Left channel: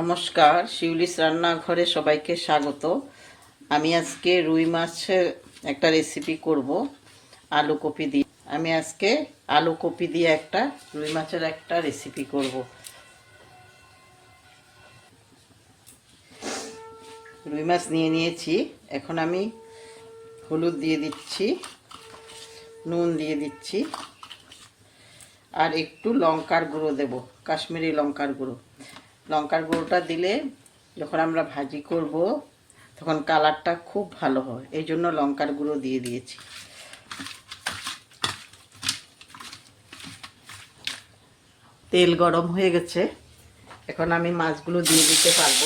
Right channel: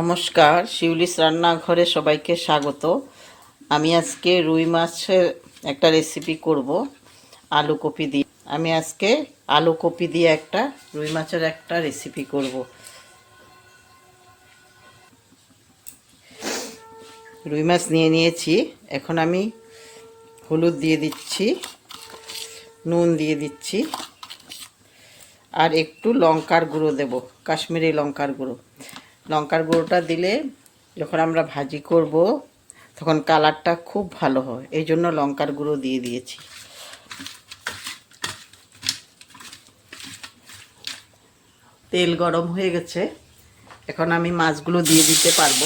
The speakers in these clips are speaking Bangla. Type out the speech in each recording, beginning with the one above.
নমস্কার, শিউলিস রান্নাঘরে সবাইকে স্বাগত। আমি আজকে রুই মাছের একটা রেসিপি করব, আলু কপি দিয়ে। আমি আজকে আলু কপি দিয়ে একটা, রুই মাছের একটা রেসিপি করব। রুই মাছ নিয়ে নিয়েছি, এখন আমি হলুদ দিয়ে দিচ্ছি, নুন দিয়ে দিচ্ছি, আর একটু লঙ্কার গুঁড়ো দেব, কাশ্মীরি লঙ্কার গুঁড়ো। লঙ্কার গুঁড়োটা দিলে যখন আমরা ভাজি করব, তখন কালারটা খুব ভালো হয় এই জন্য লঙ্কার গুঁড়ো দিয়ে দিয়েছি। তেল গরম হয়ে গেছে। এখন আমি মাছগুলো দিয়ে দিতে পারব।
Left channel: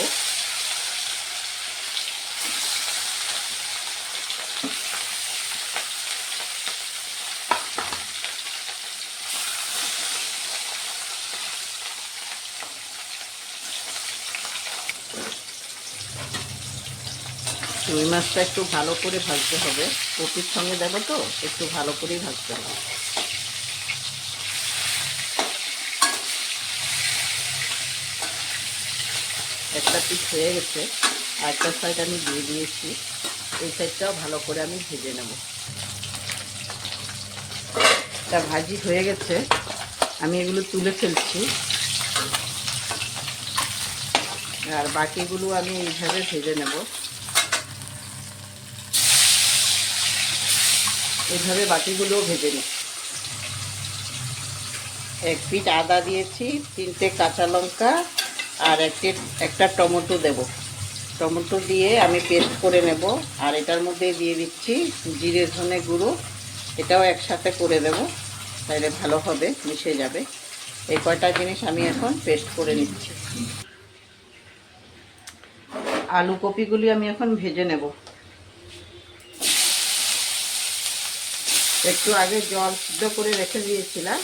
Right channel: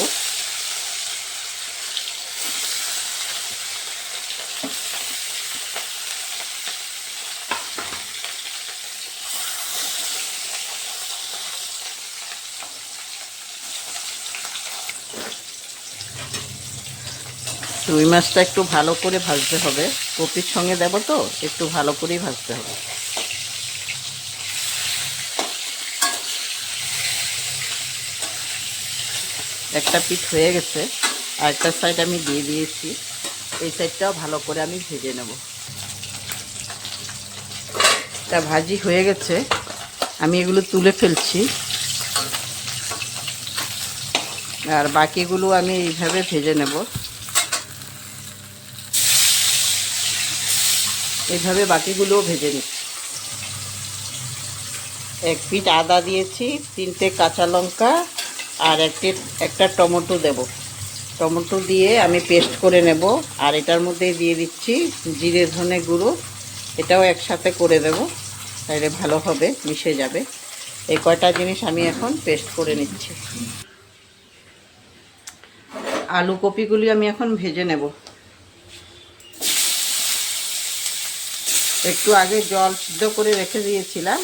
রুই মাছটা একটু ভালো করে ভাজতে হবে। কপির সঙ্গে দেবো তো, একটু ভালো করেই ভাজতে হবে। একটা পিস হয়ে গেছে আর একটা সাইড আমি দিয়ে দিয়েছি। এই সাইডটাও ভালো করে আমি ভেজে নেব। এটা ভাজি হয়ে গেছে। আমি এগুলো তুলে ফেলছি। আর বাকিগুলো আমি এইভাবে ভেজে নেব। এইভাবে বাকিগুলোও ভেজে নিচ্ছি এক পিঠ আদা দিয়েছি, তিনটে কাঁচা লঙ্কা আর একটি একটা টমেটো দেব। টমেটো দিয়ে আমি পেস্ট করে নেব আর এটার মধ্যে দিয়ে দিচ্ছি জিরে ধনে গুঁড়ো। এটাও একসাথে করে দেব, তাহলে ভালো হবে, মিশে যাবে। এই কয়টা জিনিস আমি এখন পেস্ট করে নিচ্ছি। আলু কপিগুলি আমি এখন ভেজে নেব। একটু আগে জল সিদ্ধ করে রেখে দিয়েছিলাম।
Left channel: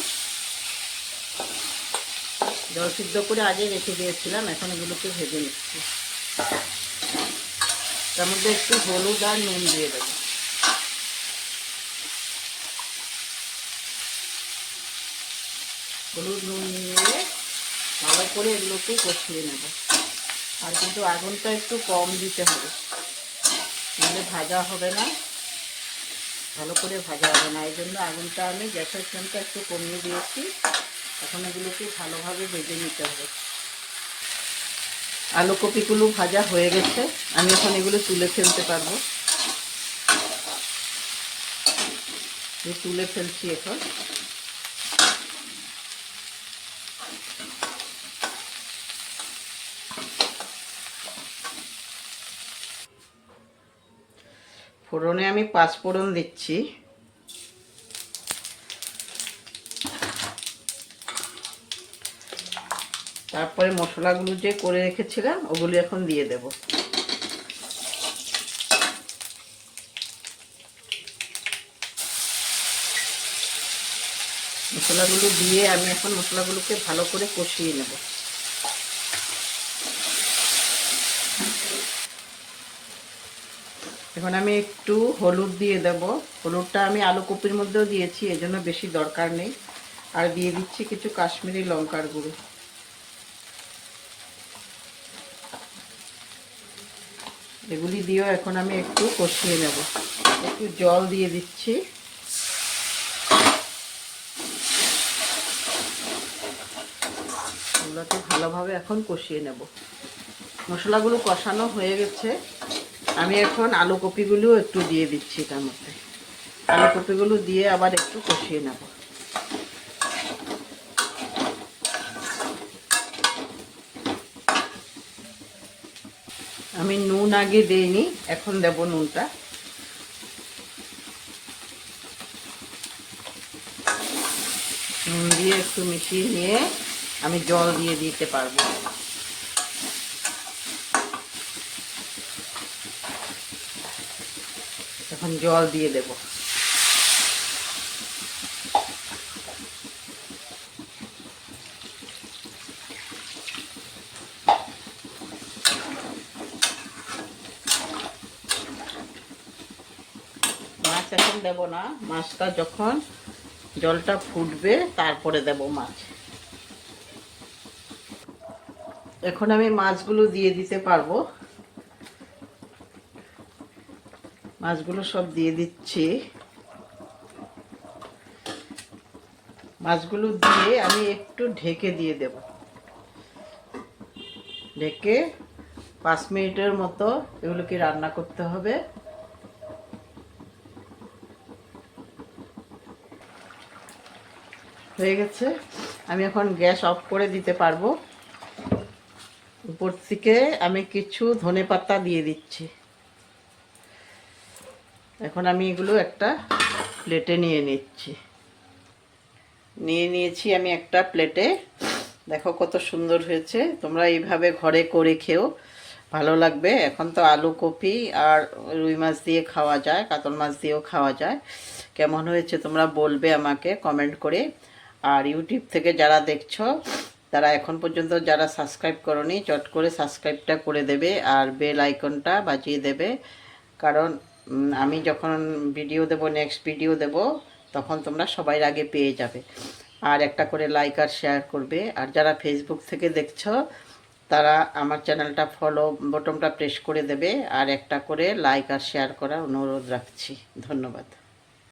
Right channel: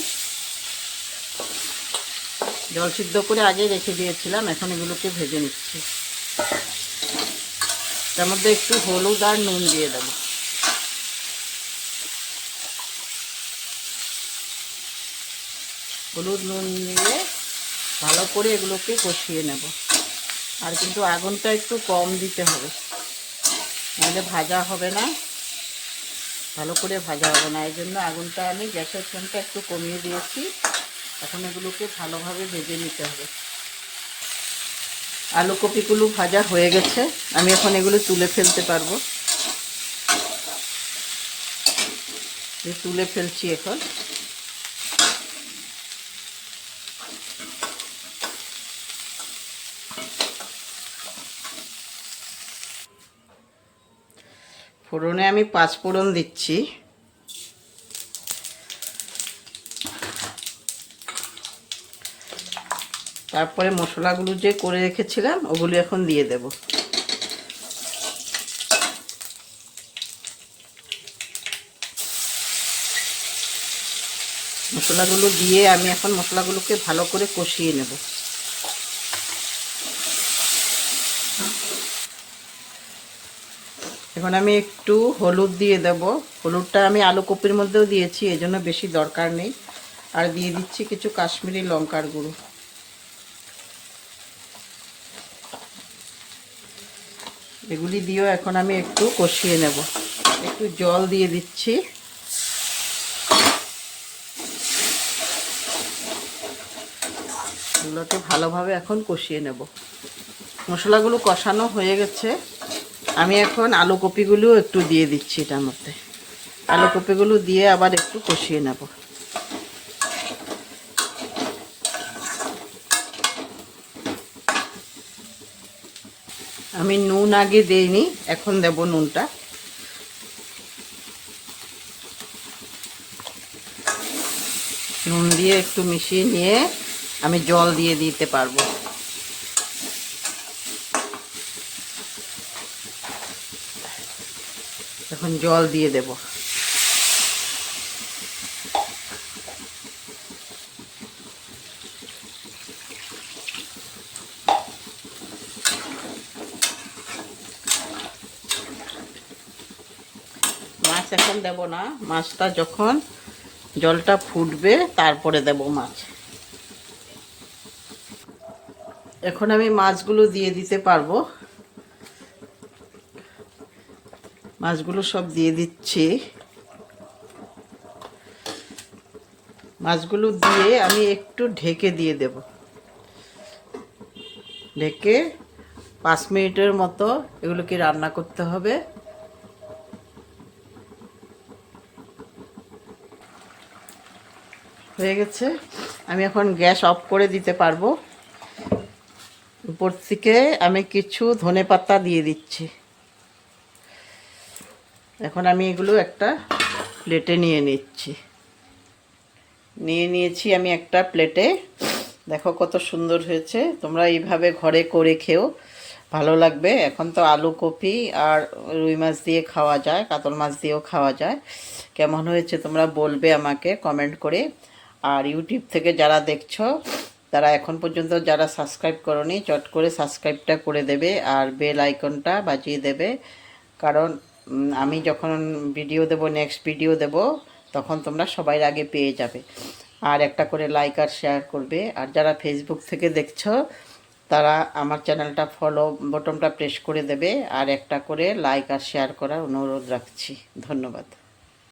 জল সিদ্ধ করে আগে রেখে দিয়েছিলাম, এখন এগুলোকে ভেজে নিচ্ছি। তার মধ্যে একটু হলুদ আর নুন দিয়ে দেবো। হলুদ, নুন দিয়ে ভালো করে এগুলোকে কষিয়ে নেব। আর কিন্তু আগুনটা একটু কম দিতে হবে, নাহলে ভাজা হবে না। ভালো করে ভাজা হবে না। এই জন্য আগুনটা আমি গ্যাসের ফ্লেমটা একটু কমিয়ে দিয়েছি। এখন এগুলোকে ভালোভাবে ভেজে নিতে হবে। আলু কপিগুলো ভাজা হয়ে গেছে। আমি এখন এগুলো তুলে ফেলতে পারব। তুলে ফেলছি এখন। ফোড়নে আমি পাঁচ ফোড়ন দিচ্ছি। তারপরে মশলাগুলো যে করে রেখেছিলাম, ওগুলো এখন দিয়ে দেব। মশলাগুলো দিয়ে আমি এখন মশলাগুলোকে ভালো করে কষিয়ে নেব। এখন আমি একটু হলুদ দিয়ে দেব। হলুদটা আমি আলু কপির মধ্যেও দিয়েছি এজন্য বেশি দরকার নেই। আর দিয়ে দিচ্ছি কিছু কাশ্মীরি লঙ্কার গুঁড়ো। এগুলি দিয়েও এখন আমি একটু কষিয়ে নেব। একটু জল দিয়ে দিচ্ছি। এগুলোকে ভালোভাবে এখন কষিয়ে নেব। মশলাগুলো কষানো হয়ে গেছে। আমি এখন আলু কপিগুলোও একটু দিয়ে দিচ্ছি এটার মধ্যে। আলু কপিগুলো দিয়ে আবার একটু কষিয়ে নেব। আমি নুন আগে দিইনি এখন দেব নুনটা। নুন দিয়ে একটু মিশিয়ে নিয়ে আমি জল দিয়ে দিতে পারব। এখন জল দিয়ে দেব। মাছ এখন দেব না, মাছটা যখন জলটা ফুটবে তারপরে দেব মাছ। এখন আমি মাছগুলো দিয়ে দিতে পারব। মাছগুলো সব দিয়ে দিচ্ছি। মাছগুলো দিয়ে আমি একটু ঢেকে দিয়ে দেব। ঢেকে পাঁচ মিনিটের মতো এগুলোকে রান্না করতে হবে। হয়ে গেছে। আমি এখন গ্যাস অফ করে দিতে পারব। উপর থেকে আমি কিছু ধনে পাতা দিয়ে দিচ্ছি। এখন আমি এগুলো একটা প্লেটে নিয়ে নিচ্ছি। নিয়ে নিয়েছি আমি একটা প্লেটে। দেখো কত সুন্দর হয়েছে। তোমরা এইভাবে ঘরে করে খেও। ভালো লাগবে। এখন তো আলু কপি আর রুই মাছ দিয়ে খাওয়া যায়, কাতল মাছ দিয়েও খাওয়া যায়। কেমন হয়েছে তোমরা বলবে আমাকে কমেন্ট করে। আর ইউটিউব থেকে যারা দেখছ, তারা এখন পর্যন্ত যারা সাবস্ক্রাইব করনি, চট করে সাবস্ক্রাইবটা করে দেবে আর বেল আইকনটা বাজিয়ে দেবে। কারণ আমি যখন ভিডিও দেব নেক্সট ভিডিও দেব, তখন তোমরা সবাই আগে পেয়ে যাবে। আর একটা করে লাইক আর শেয়ার করবে। আর যারা ফেসবুক থেকে দেখছ, তারা আমার চ্যানেলটা ফলো বটনটা প্রেস করে দেবে। আর একটা করে লাইক আর শেয়ার করার অনুরোধ রাখছি। ধন্যবাদ।